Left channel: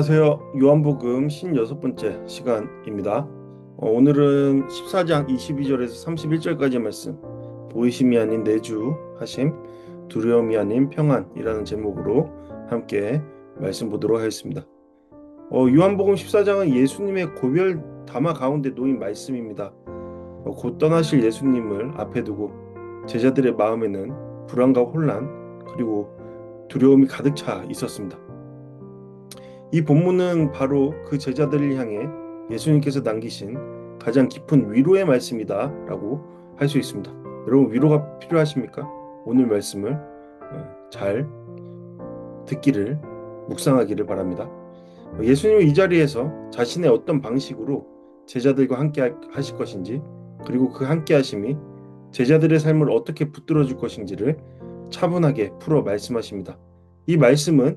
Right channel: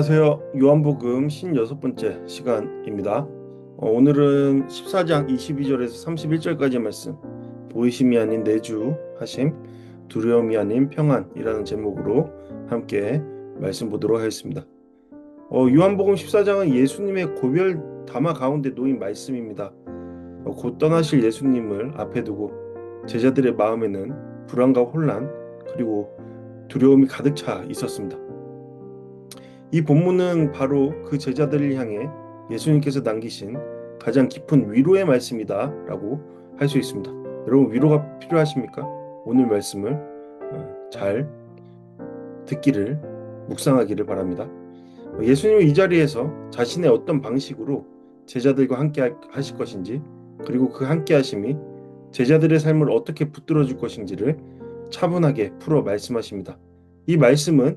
안녕하세요. 요한복음 56번째 시간입니다. 오늘은 14장 22절에서 31절까지 말씀, 보이심이 아닌 내주 하심, 두려움이 아닌 평안이라는 제목으로 함께 말씀 보도록 하겠습니다. 요한복음 14장은 예수님의 고별 담화 가운데 놓인 말씀입니다. 곧 떠나실 예수님을 앞에 두고 제자들의 마음에는 불안과 혼란 그리고 두려움이 가득 차 있었습니다. 이 본문은 바로 그 제자들을 향해 예수님께서 남기신 가장 깊은 위로의 말씀이다 라고 할 수 있습니다. 여러분, 위로가 필요하십니까? 오늘 말씀을 잘 듣기를, 묵상하기를 바랍니다. 예수님은 이 자리에서 자신의 어떤 방식으로 제자들과 함께 하실 것인지, 그리고 그 함께 하심이 제자들의 삶을 어떻게 붙들어 줄 것인지를 차분하게 풀어 말씀하십니다. 이 말씀은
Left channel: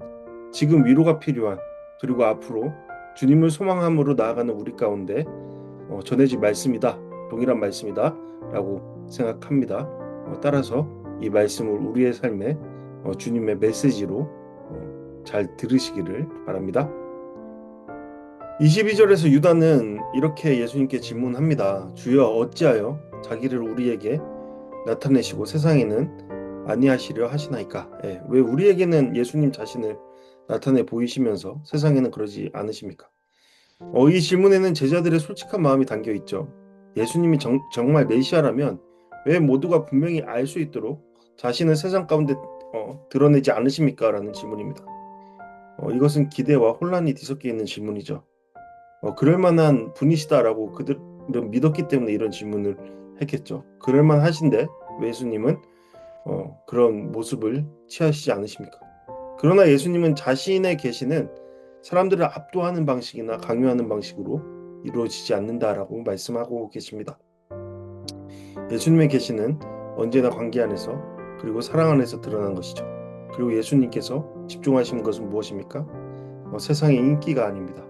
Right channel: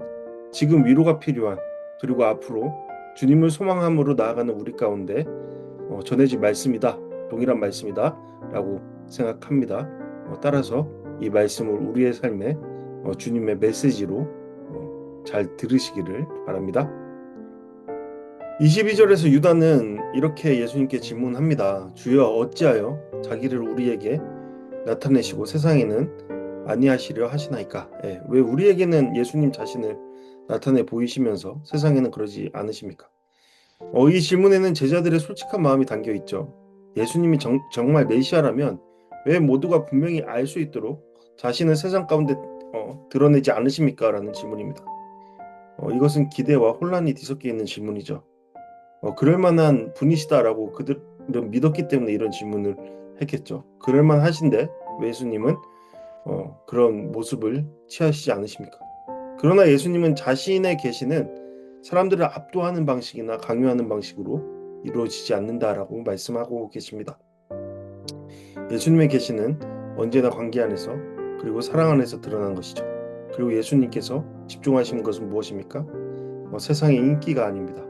지금 위로가 필요한, 그리고 앞으로 주님을 소망함으로 나아가는 우리 가운데 전해질 말씀이다, 동일한 말씀이다 라고 생각합니다. 따라서 이 말씀을 우리의 삶에 주님의 메시지로 잘 들으시기를 바랍니다. 22절에서 유다는 이렇게 예수님께 질문합니다. 주여, 어찌하여 자기를 우리에게 나타내시고 세상에는 아니하시려 하시나이까? 왜 우리에게는 예수님 자신을 나타내 보이시면서 세상에는 그러지 않으십니까? 이 질문에는 제자들의 솔직한 마음이 담겨 있죠. 예수님이 정말 메시아라면 왜 모두가 분명히 알 수 있도록 자신을 세상 가운데 드러내지 않으십니까? 라는 질문입니다. 이것은 기대와 혼란이 뒤섞여 있는 질문이죠. 그럴 만한 분이시다라고 그들은 믿었기 때문에 이런 질문을 했겠죠. 그럴 만하신데 왜 예수님은 그런 모습을 취하시지 않으십니까? 그러나 예수님은 자신의 계시는 사람들을 압도하는 방식이나 강요하는 방식으로 이루어지지 않는다라고 말씀하고 계십니다. 예수님의 계시는 언제나 관계 안에서, 그리고 사랑 안에서 드러난 것이죠. 그리고 예수님께서 집중하시는 것은 무엇입니까? 세상의 인기가 아닙니다.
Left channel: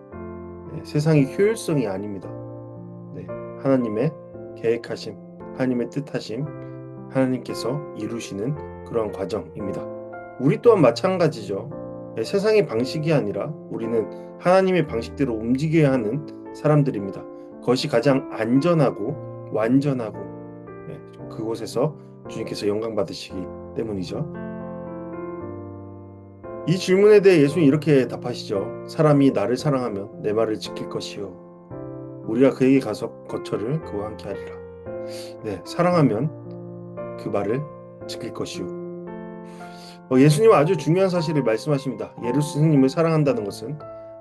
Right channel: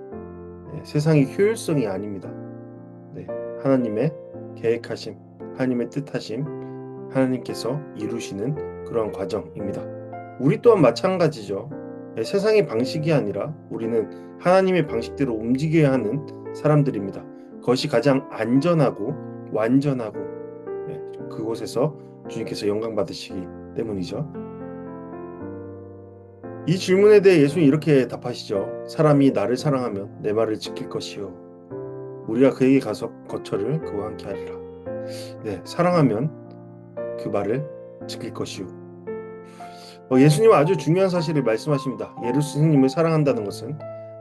세상의 효율성이 아닙니다. 하나님의 계획하심, 하나님의 뜻하심, 하나님께서 이루시는 그러한 과정입니다. 우리 또한 마찬가지죠. 세상의 방식이 아니라 우리는 하나님의 방식대로 움직여야 하는 사람들입니다. 그것이 가장 안전하고 완전하고 그곳에서 주님께서 영광 받으시기 때문이죠. 이 질문에 대해 예수님이 이렇게 답하시죠. 사람이 나를 사랑하면 내 말을 지킬 것이요, 우리가 그에게 가서 거처를 그와 함께 하리라. 사랑하면 그 말을 지킬 것이요. 예수님은 아주 중요한 사실을 말씀하십니다. 예수님을 사랑한다는 것은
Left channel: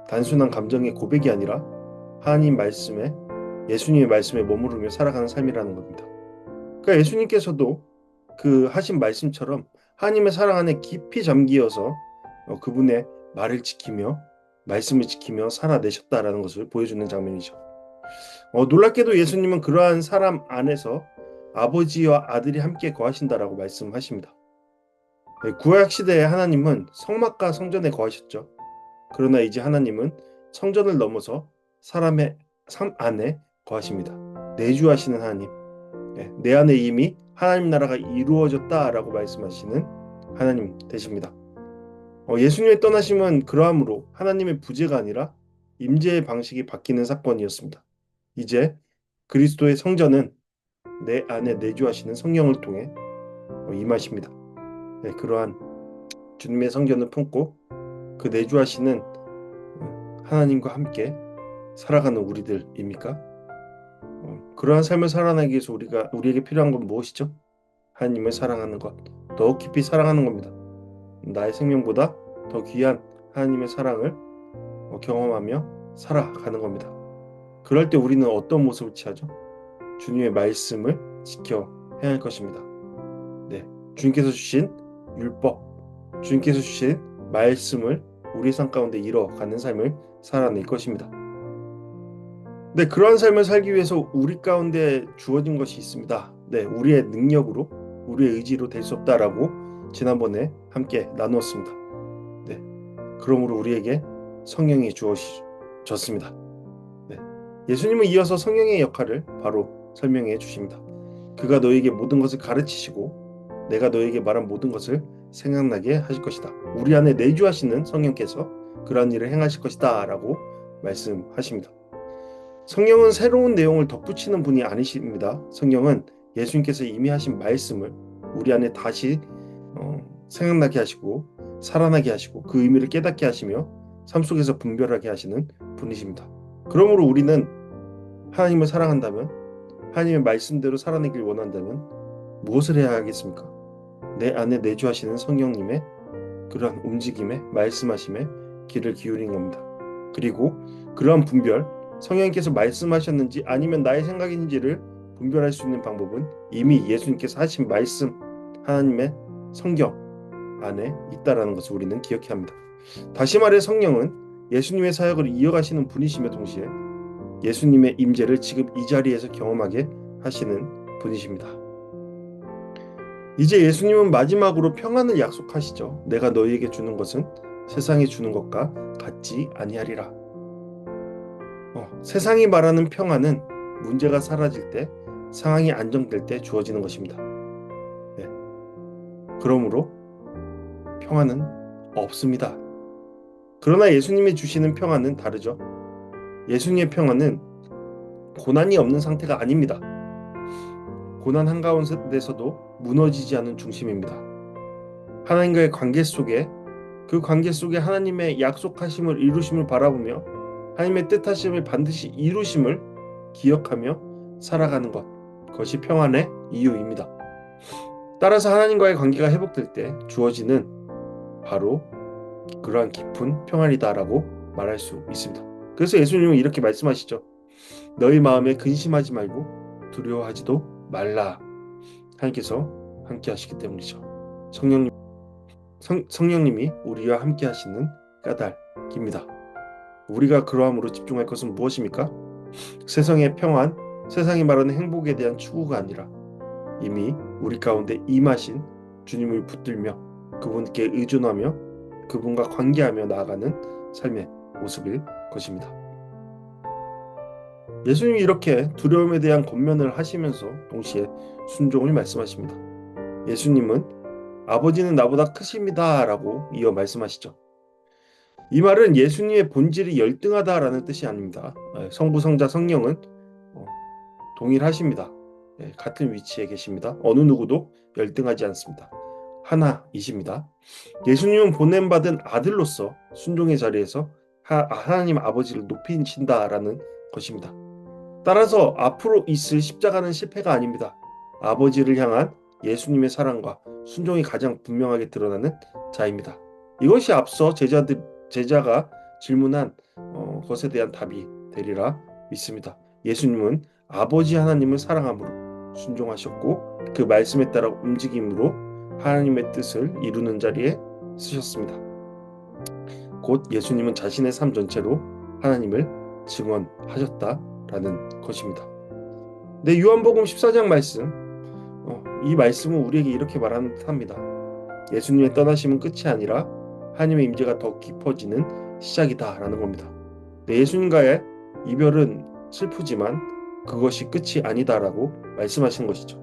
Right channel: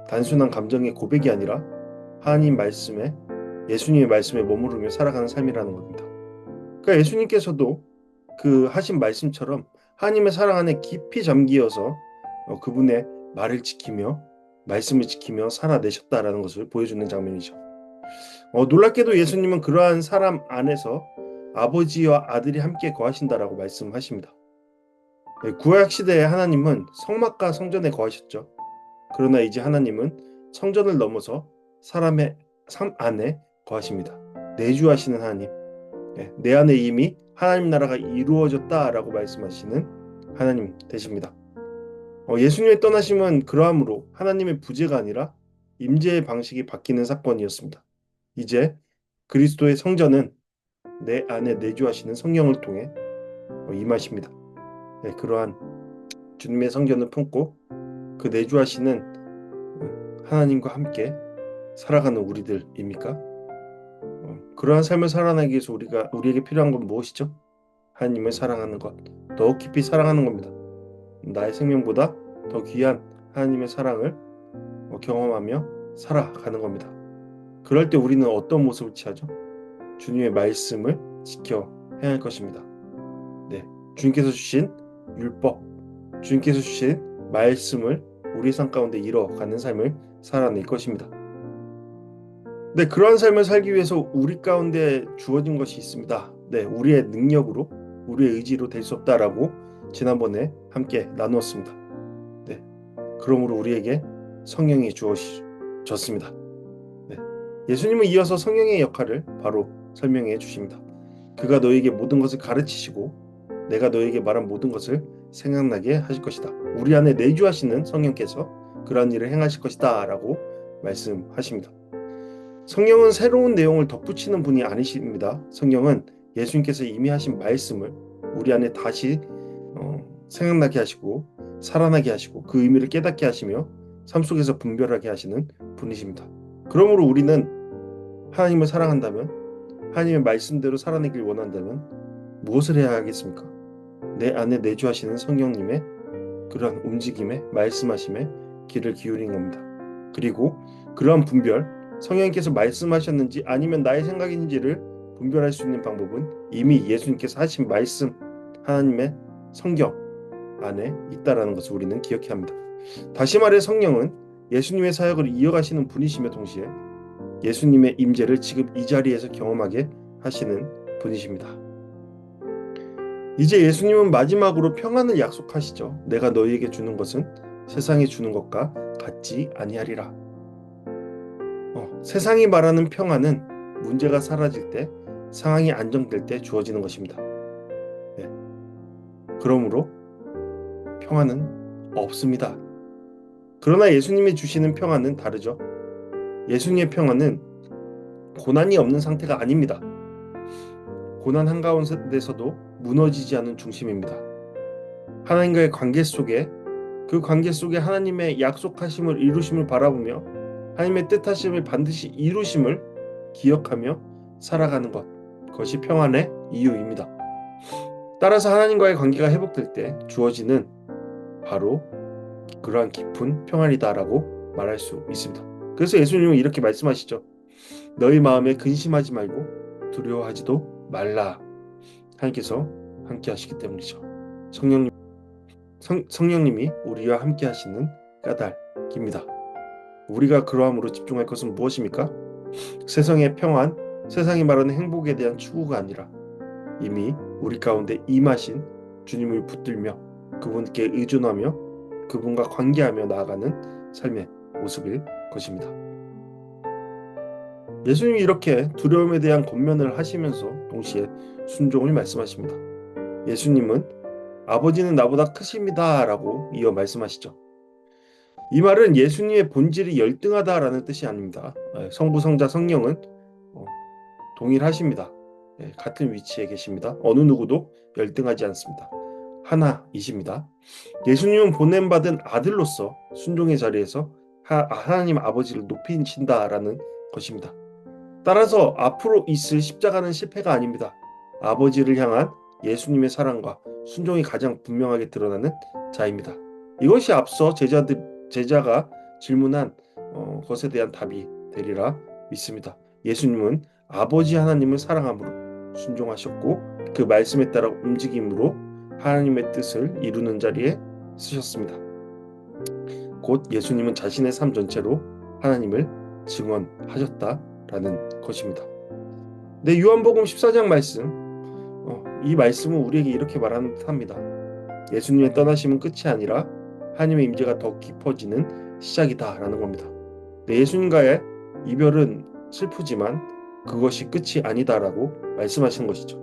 단순한 감정의 고백이 아니라 하나님 말씀에, 예수님의 말씀에 머무르며 살아가는 삶이라는 겁니다. 그러니까 예수님께서도 그 하신 말씀처럼 하나님의 사랑 안에 깊이 잠기어서 그분의 말을 지키며 말씀을 지키며 살아내셨다라는 것을 보여주는 장면이죠. 놀랍게도 예수님은 그러한 사람 안에서 아버지와 아들이 함께 거하신다라고 말씀하십니다. 구약 시대의 하나님은 성막과 성전에 거하셨죠. 그러나 이제 하나님은 성전을 넘어서 사람의 삶 안에 거하십니다. 내주하시는 하나님, 내 안에 이미 하나님 나라가 이루어졌다라고 말씀하시는 하나님 되십니다. 예수님의 떠나심은 그러함으로 하나님의 부재가 아니라 임재의 방식이 바뀌는 사건이었습니다. 이제 그리스도의 성전은 내 안에 내주하시는 성령을 통해 임하십니다. 그러한 주님의 성전을 품고 그 내주하시는 하나님과 함께 살아가는 우리들입니까? 그러한 삶을 살아나기 위해서 우리에게 필요한 건 무엇이죠? 하나님을 사랑하는 것, 더욱 깊이 사랑하는 겁니다. 나의 생명보다 더 귀한 하나님의 사랑을 경험하며 살아가는 겁니다. 그럴 때 우리는 어떤 모습을 취하죠? 주님의 말씀을 지켜야 할 것입니다. 주님께서 주신 율법, 주님께서 주신 말씀을 우리 삶 가운데 이뤄가는 삶을 살아낼 것입니다. 그러한 삶을 살기 위해서 우리 가운데 주어진 것이 있습니다. 우리의 능력으로, 우리의 의지로 될 수 없다라고 지난번에 함께 나누었습니다. 그러므로 우리에게 성령이 주어졌습니다. 예수님은 이어서 성령의 역할을 바로 설명해 주십니다. 그가 너에게 모든 것을 가르치시고 내가 너에게 말한 모든 것을 생각나게 하실 것이다. 우리 안에 내주하시는 성령께서 그러한 일을 행하실 것이다 라고 말씀하십니다. 성령은 새로운 내용을 덧붙이는 분이 아니십니다. 성령은 예수님께서 이미 하신 말씀을 우리 안에 다시 생각나게 하시고 살아나게 하시고 그 의미를 깨닫게 하시며 삶 속에서 분별하게 하시는 분이십니다. 그러므로 우리는 하나님을 사랑한다면, 하나님의 말씀대로 살아내길 원한다면 무엇을 해야 하겠습니까? 내 안에 내주하시는 성령님의 그러한 움직임에, 말씀하심에 귀를 기울인 겁니다. 그리고 그러한 분별, 성령님께서 말씀하셨는지 아니면 나의 생각인지를 분별할 수 있는 방법은 이미 예수님께서 하신 말씀, 하나님의 성경 안에 있다라는 것을 우리는 기억해야 합니다. 다시 말해 성령은 예수님의 사역을 이어가시는 분이시며 동시에 예수님의 임재를 지금 이 자리에서 경험하게 하시는 분이십니다. 이제 예수님은 마지막으로 평안을 약속하시죠. 내가 너희에게 주는 것은 세상이 주는 것과 같지 아니하리라. 세상이 말하는 평안은 문제가 사라질 때, 상황이 안정될 때 주어지는 것입니다. 네. 그러므로 평안은 없습니다. 그러나 예수님이 주시는 평안은 다르죠. 예수님의 평안은 고난이 없는 상태가 아닙니다. 고난 한가운데서도 무너지지 않은 중심입니다. 하나님과의 관계 속에, 그 관계 속에 하나님의 약속하심을 이루심을 바라보며 하나님의 뜻하심을 반드시 이루심을 기억하며 살아가는 것, 그것이 평안의 이유입니다. 따라서 하나님과의 관계가 회복될 때 주어지는 바로 그러한 깊은 평안이다라고 말할 수 있습니다. 그래서 예수님은 이렇게 말씀하시죠. 너희 마음에 근심하지 말고 두려워하지도 말라. 하나님께서 함께 하시기 때문이죠. 성령님이 우리와 함께 하시는 까닭입니다. 우리가 그러함으로 집중할 것은 무엇입니까? 세상의 평안, 세상이 말하는 행복에 대한 추구가 아니라 이미 우리 가운데 임하신 주님을 붙들며 그분께 의존하며 그분과 관계하며 나아가는 삶의 모습일 것입니다. 예수님이 이렇게 두려움에 대한 권면을 하시면서 동시에 순종을 말씀하십니다. 예수님은 아버지는 나보다 크십니다 라고 이어 말씀하시죠. 이 말은 예수님의 본질이 열등하다라는 뜻이 아닙니다. 성부, 성자, 성령은 동일하십니다. 같은 위치에 계십니다. 어느 누구도 열등하지 않습니다. 하나이십니다. 예수님은 보냄받은 아들로서 순종의 자리에서 하나님 아버지를 높이신다라는 것입니다. 따라서 앞으로 있을 십자가는 실패가 아닙니다. 아버지를 향한 예수님의 사랑과 순종이 가장 분명하게 드러나는 자입니다. 이것이 앞서 제자가 질문한 것에 대한 답이 되리라 믿습니다. 예수님은 아버지 하나님을 사랑함으로 순종하셨고 그 말씀에 따라 움직임으로 하나님의 뜻을 이루는 자리에 쓰셨습니다. 곧 예수님은 자신의 삶 전체로 하나님을 증언하셨다라는 것입니다. 네, 요한복음 14장 말씀, 이 말씀은 우리에게 이렇게 말하는 듯합니다. 예수님의 떠나심은 끝이 아니라 하나님의 임재가 더 깊어지는 시작이다라는 겁니다. 네, 예수님과의 이별은 슬프지만 그것이 끝이 아니다라고 말씀하시는 것이죠.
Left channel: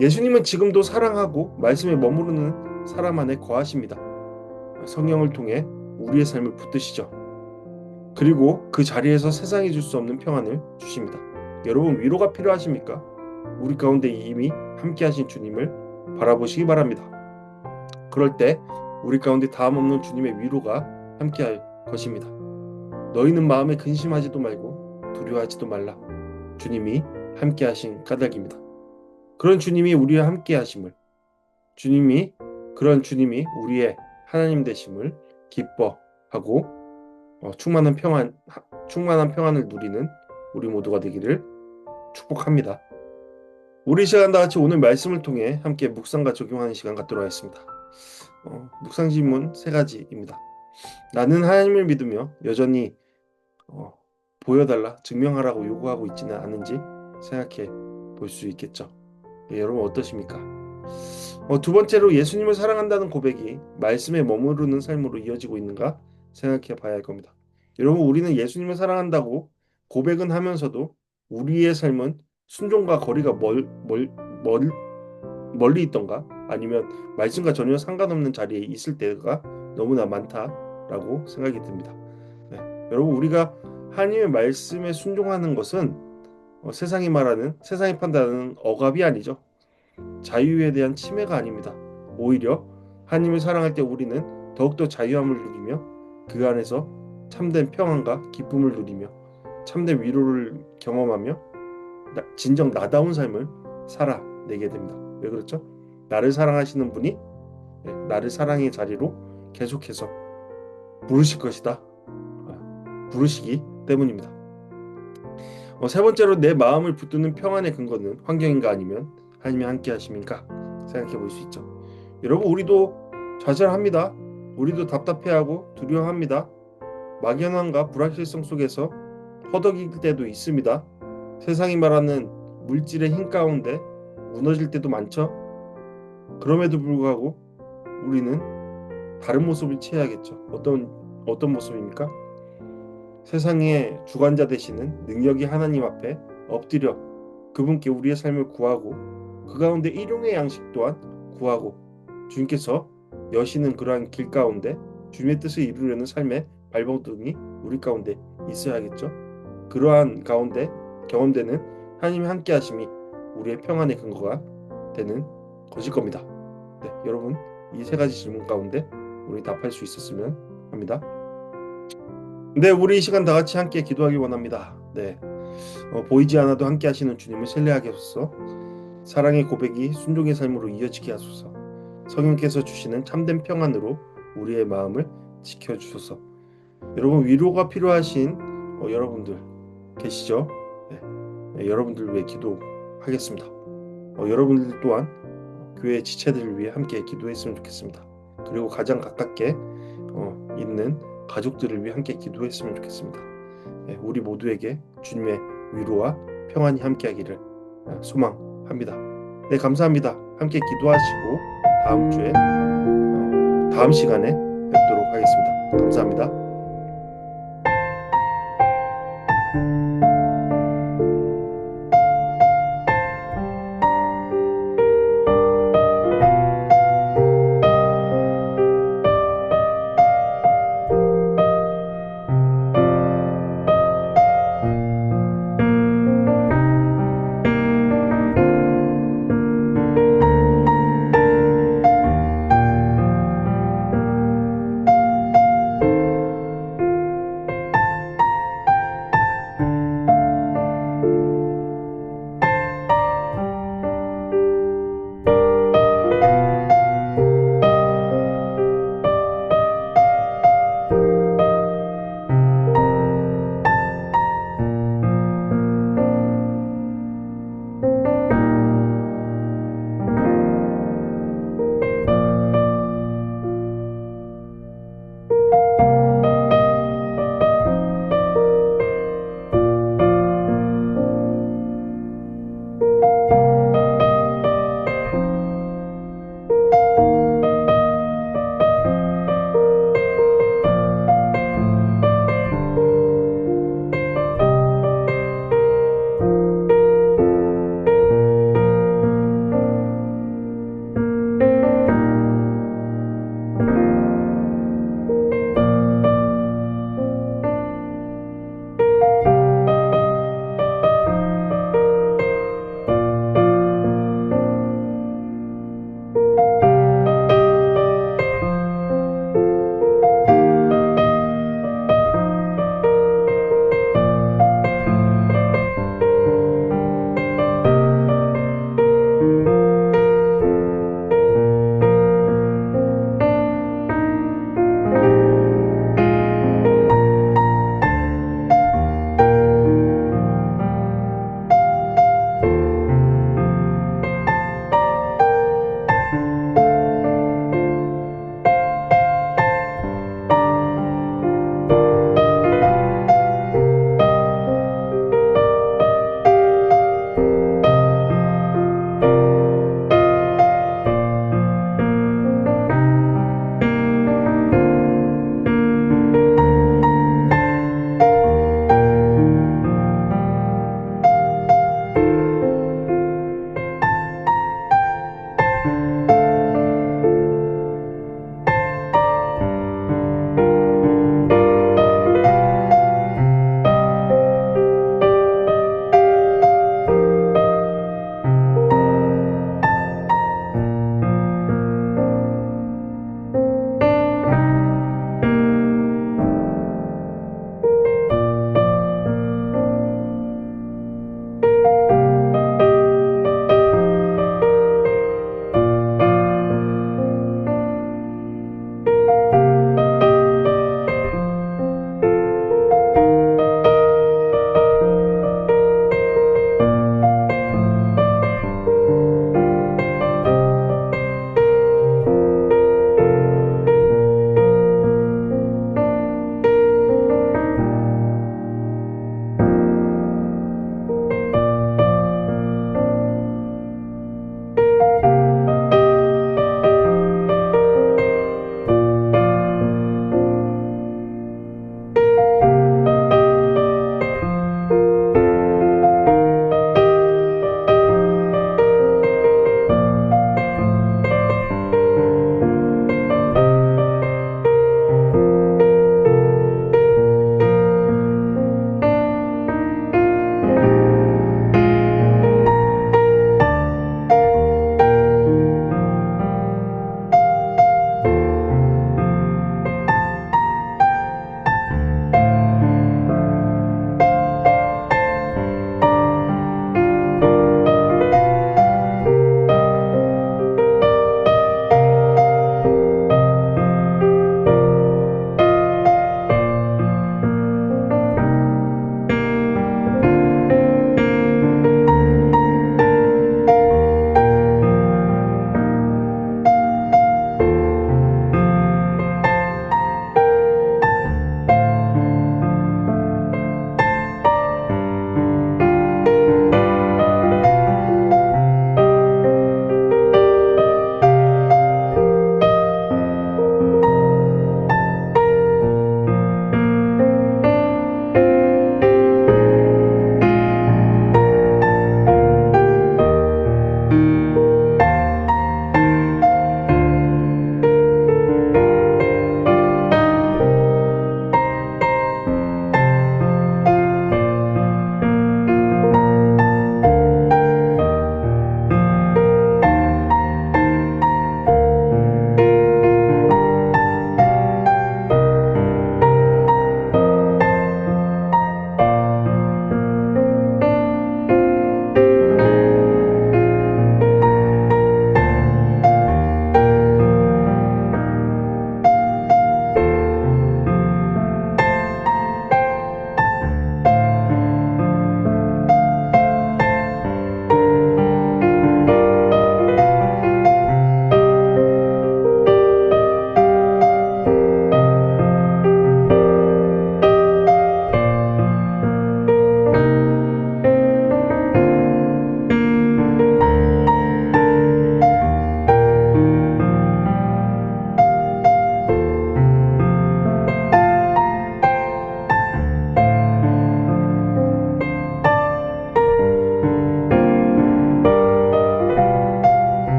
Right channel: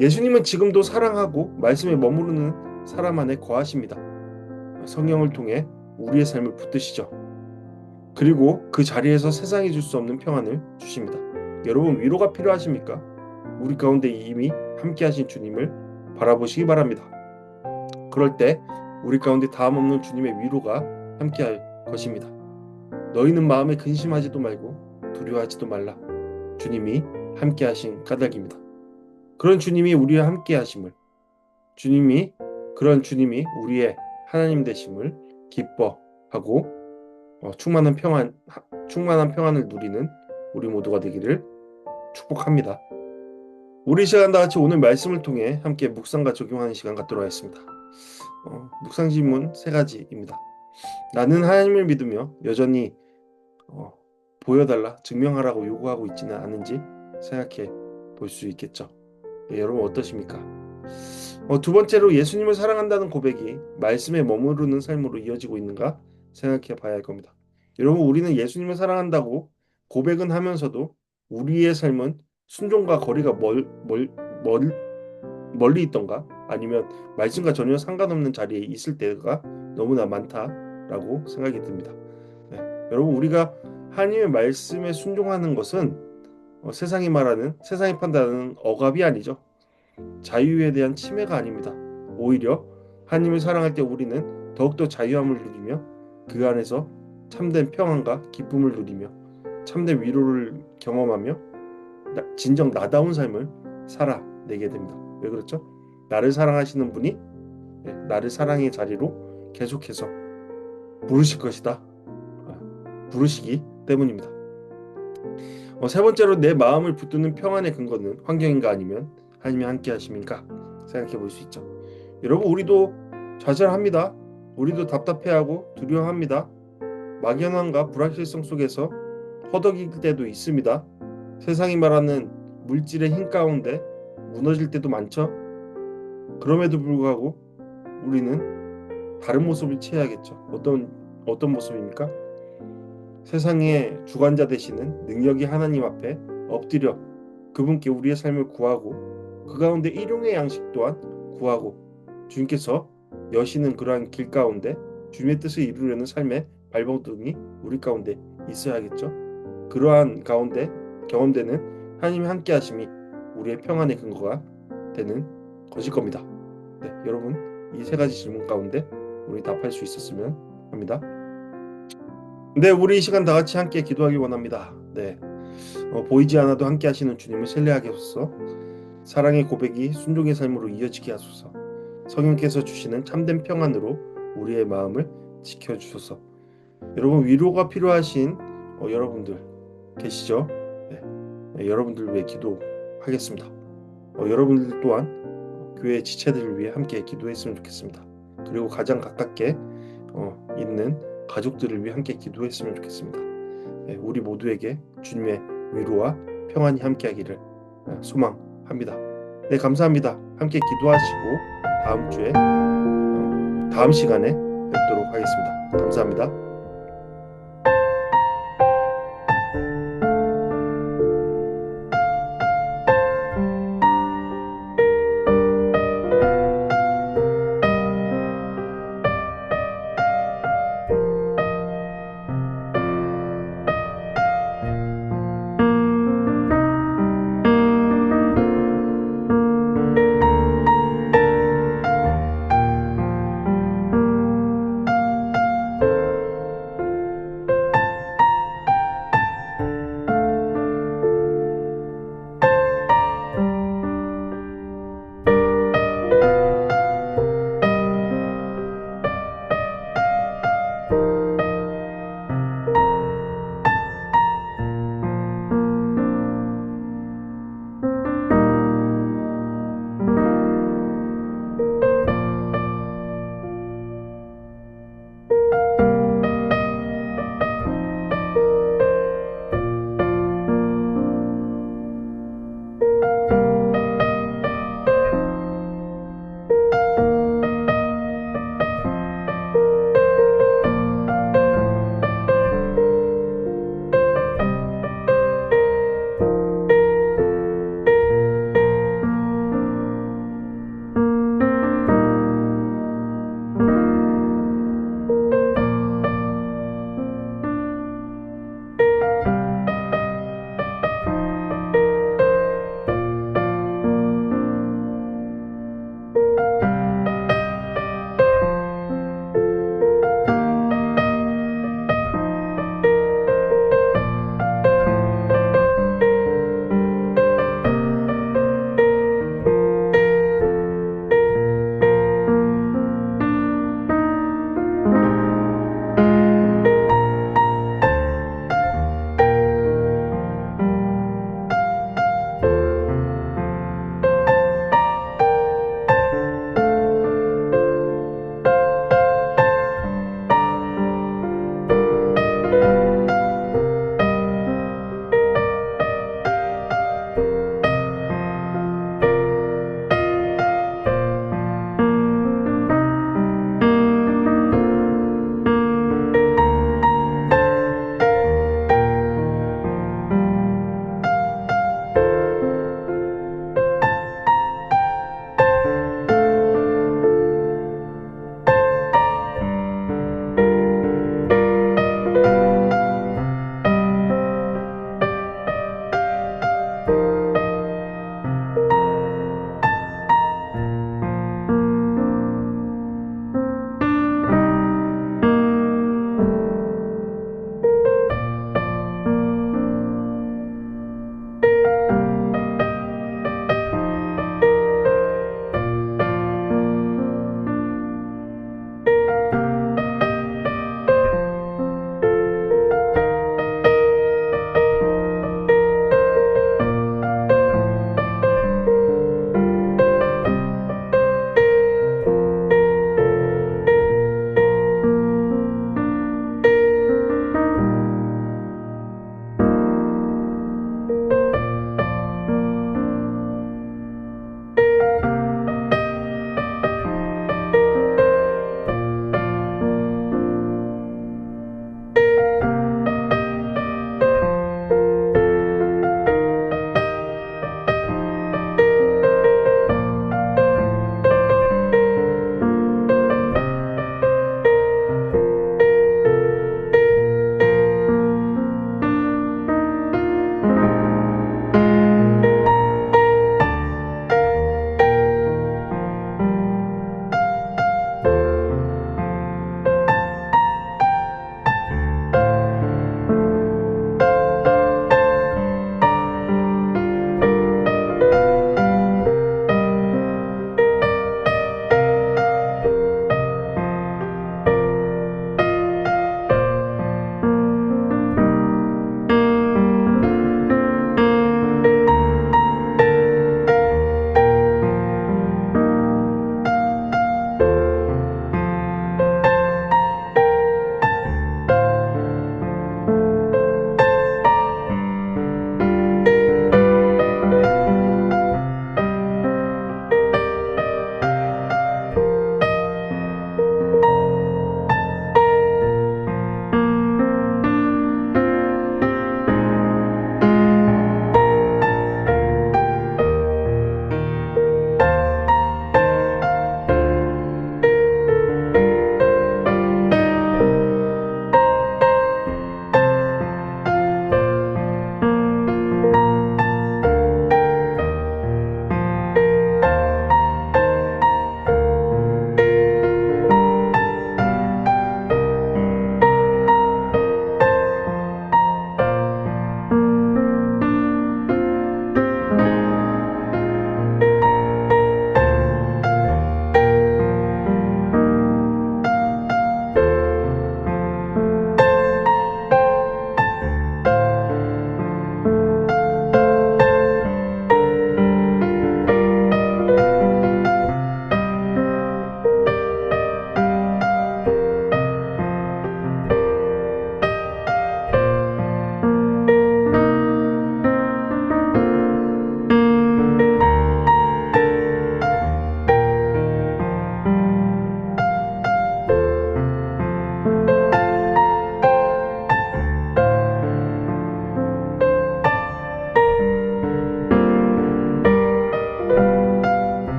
예수님은 지금도 사랑하고 말씀에 머무르는 사람 안에 거하십니다. 성령을 통해 우리의 삶을 붙드시죠. 그리고 그 자리에서 세상이 줄 수 없는 평안을 주십니다. 여러분, 위로가 필요하십니까? 우리 가운데 이미 함께 하신 주님을 바라보시기 바랍니다. 그럴 때 우리 가운데 다음 없는 주님의 위로가 함께 할 것입니다. 너희는 마음에 근심하지도 말고 두려워하지도 말라. 주님이 함께 하신 까닭입니다. 그런 주님이 우리와 함께 하심을, 그런 주님이 우리의 하나님 되심을 기뻐하고 충만한 평안을 누리는 우리 모두가 되기를 축복합니다. 우리 시간 다 같이 오늘 말씀을 통해 함께 묵상과 적용하는 시간 갖도록 하겠습니다. 묵상 질문 3가지입니다. 나는 하나님을 믿으며 여전히 보여달라, 증명하라고 요구하고 있지는 않은지 생각해 볼 수 있겠죠. 여러분 어떠십니까? 두 번째로 예수님을 사랑한다는 고백이 말씀에 머무르는 삶으로 이어지고 있는가 생각해 봐야 할 겁니다. 여러분, 우리는 예수님을 사랑한다고 고백은 하면서도 우리의 삶은 순종과 거리가 멀리 있던가 아니면 말씀과 전혀 상관없는 자리에 있을 때가 너무나 많다 라고 생각이 듭니다. 네, 여러분 우리가 하나님의 말씀에 순종하는 것은 세상이 판단하는 억압이 아니죠. 자유에 대한 침해가 아닙니다. 오히려 하나님을 사랑할 때 우리는 더욱더 자유함을 누리며 그 안에서 참된 평안과 기쁨을 누리며 참된 위로를 경험하며 진정 나다운 삶을 살아내게 됩니다. 왜 그렇죠? 나를 사랑하시는 분이 나를 사랑의 자리로 계속해서 부르실 것이다. 부르시기 때문입니다. 세 번째로 내 마음을 붙드는 평안의 근거는 환경인가 아니면 하나님이 함께 하심인가 생각해 볼 수 있죠. 여러분 우리도 좌절합니다. 우리도 답답해하고 두려워합니다. 막연함과 불확실성 속에서 허덕일 때도 있습니다. 세상이 말하는 물질의 힘 가운데 무너질 때도 많죠. 그럼에도 불구하고 우리는 다른 모습을 취해야겠죠. 어떤 모습입니까? 세상의 주관자 되시는 능력이 하나님 앞에 엎드려 그분께 우리의 삶을 구하고 그 가운데 일용의 양식 또한 구하고 주님께서 여시는 그러한 길 가운데 주님의 뜻을 이루려는 삶의 발버둥이 우리 가운데 있어야겠죠. 그러한 가운데 경험되는 하나님의 함께 하심이 우리의 평안의 근거가 되는 것일 겁니다. 네, 여러분 이 세 가지 질문 가운데 우리 답할 수 있었으면 합니다. 네, 우리 이 시간 다 같이 함께 기도하기 원합니다. 네, 보이지 않아도 함께 하시는 주님을 신뢰하게 하소서. 사랑의 고백이 순종의 삶으로 이어지게 하소서. 성령께서 주시는 참된 평안으로 우리의 마음을 지켜주소서. 여러분 위로가 필요하신 여러분들 계시죠? 네, 여러분들 위해 기도하겠습니다. 여러분들 또한 교회 지체들을 위해 함께 기도했으면 좋겠습니다. 그리고 가장 가깝게 있는 가족들을 위해 함께 기도했으면 좋겠습니다. 네, 우리 모두에게 주님의 위로와 평안이 함께하기를 소망합니다. 네, 감사합니다. 함께 기도하시고 다음 주에 다음 시간에 뵙도록 하겠습니다. 감사합니다.